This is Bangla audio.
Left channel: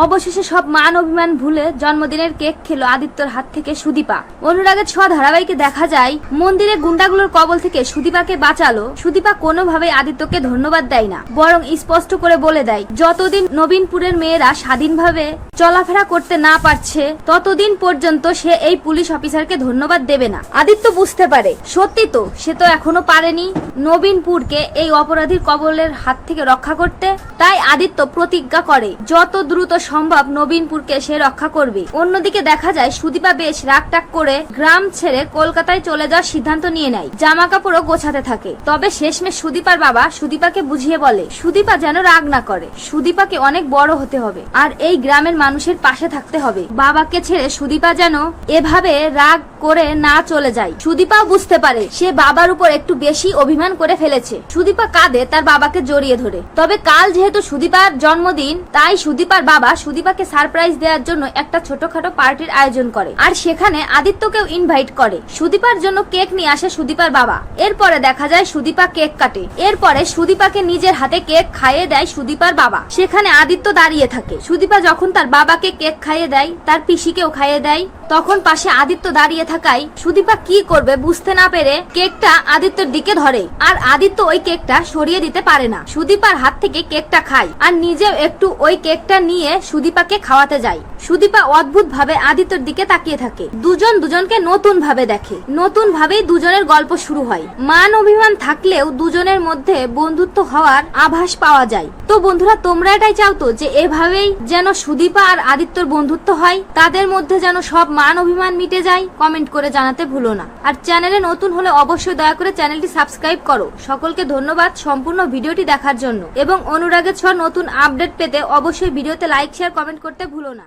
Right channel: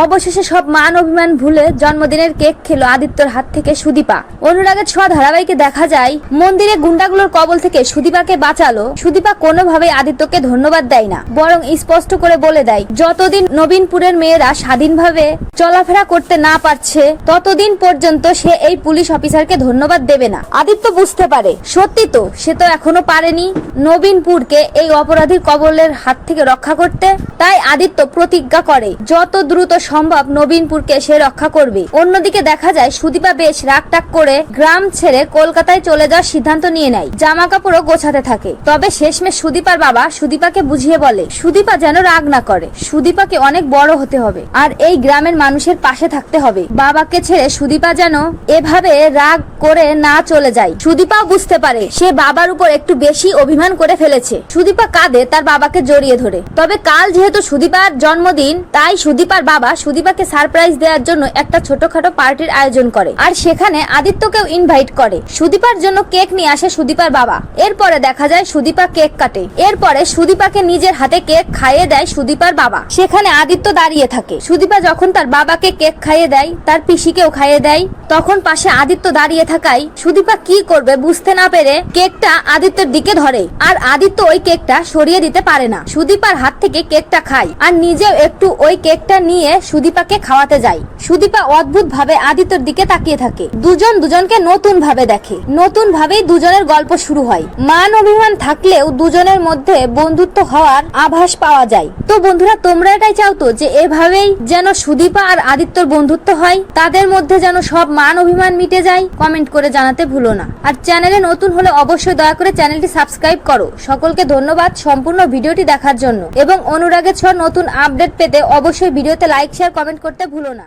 অবশেষে সব মান অভিমান ভুলে জন্মদিনের কেক খেলো আদিত্যর হাত থেকে সুদীপা। অনুরাগের ছোঁয়া ধারাবাহিকে দেখা যায়, মন্দিরে গুন্ডাগুলোর কবল থেকে সুদীপাকে বাঁচালো। সুদীপা কোনোভাবে আদিত্যকে ধন্যবাদ দেয় না, বরং স্পষ্ট করে বলে দেয়, যতদিন নবীনপুরের মেয়েরা স্বাধীনভাবে চলাফেরা করতে না পারছে, ততদিন পর্যন্ত সে এই পুলিশ অফিসারকে ধন্যবাদ দেবে না। আদিত্য বুঝতে পারে, সত্যি তো, সে তো এখনও পারেনি নবীনপুরকে এই অপরাধীর কবলের হাত থেকে রক্ষা করতে। তাই আদিত্য প্রতিজ্ঞা করে, যত দ্রুত সম্ভব নবীনপুরকে সে রক্ষা করবে। অন্যদিকে দেখা যায়, সুদীপা বেশ রাগটাক করে গ্রাম ছেড়ে কলকাতায় চলে যাওয়ার সিদ্ধান্ত নিয়ে নেয়। জামা কাপড়ও গোছাতে থাকে। তবে শেষমেশ সুদীপার বাবা সুদীপাকে বুঝিয়ে বলে, সুদীপা যেন রাগ না করে। সুদীপাকে অনেক বড় হতে হবে। আর এই গ্রামের মানুষের পাশে থাকতে হবে। বাবাকে ছেড়ে সুদীপা যেন এভাবে রাগ করে না চলে যায়। সুদীপাও বুঝতে পারে, সে বাবার উপর একটু বেশি অভিমান করে ফেলেছে। সুদীপা কাঁদে তার বাবাকে জড়িয়ে ধরে। তবে কাল যেহেতু সুদীপার জন্মদিন, তাই সুদীপার বাবা সুদীপাকে সারপ্রাইজ দেওয়ার জন্য একটা ছোটখাটো পার্টির আয়োজন করে। আর সেখানে আদিত্যকেও ইনভাইট করে। সুদীপার জন্য কেক নিয়ে আসে সুদীপার বাবা। এরপরে দেখা যায় সুদীপা কেক কাটে। এরপরে সুদীপাকে নিজের হাতে কেক খাইয়ে দেয় সুদীপার বাবা। সেখানে আদিত্য দাঁড়িয়ে থাকে। সুদীপা যখন তার বাবাকে কেক খাইয়ে দেয়, তার পিসিকেও খাইয়ে দেয়, তখন পাশে আদিত্য দাঁড়িয়ে থাকায় সুদীপা কি করবে বুঝতে না পেরে কেকটা আদিত্যের দিকে ধরে। আর আদিত্য ওই কেকটা সরিয়ে দিতে পারে না। সুদীপার হাত থেকে কেকটা খায়। আর নিজেও একটু ওই কেকটা নিয়ে সুদীপাকে খাওয়াতে যায়। সুদীপা অদ্ভুত ভাবে আদিত্যর দিকে তাকিয়ে থাকে। দুজন দুজনকে নতুন ভাবে দেখে। নতুন ভাবেই দুজনের গল্প শুরু হয়। মান অভিমান থাকলেও দুজনের মধ্যে বন্ধুত্ব হওয়ার আভাস পাওয়া যায়। তো বন্ধুরা, তোমরা এটাই চাও তো যে এভাবেই যেন সুদীপা আর আদিত্যর বন্ধুত্ব হয়? তাদের মধ্যে যেন সব মান অভিমান মিটে যায়? কমেন্ট করে জানাতে ভুলো না। আর চ্যানেলে নতুন হলে অবশ্যই দয়া করে চ্যানেলটি সাবস্ক্রাইব করো। সকলকে ধন্যবাদ সম্পূর্ণ ভিডিওটি দেখার জন্য। এবং অনুরাগের ছ নতুন আপডেট পেতে অবশ্যই ভিডিওতে লাইক শেয়ার কমেন্ট করতে ভুলো না।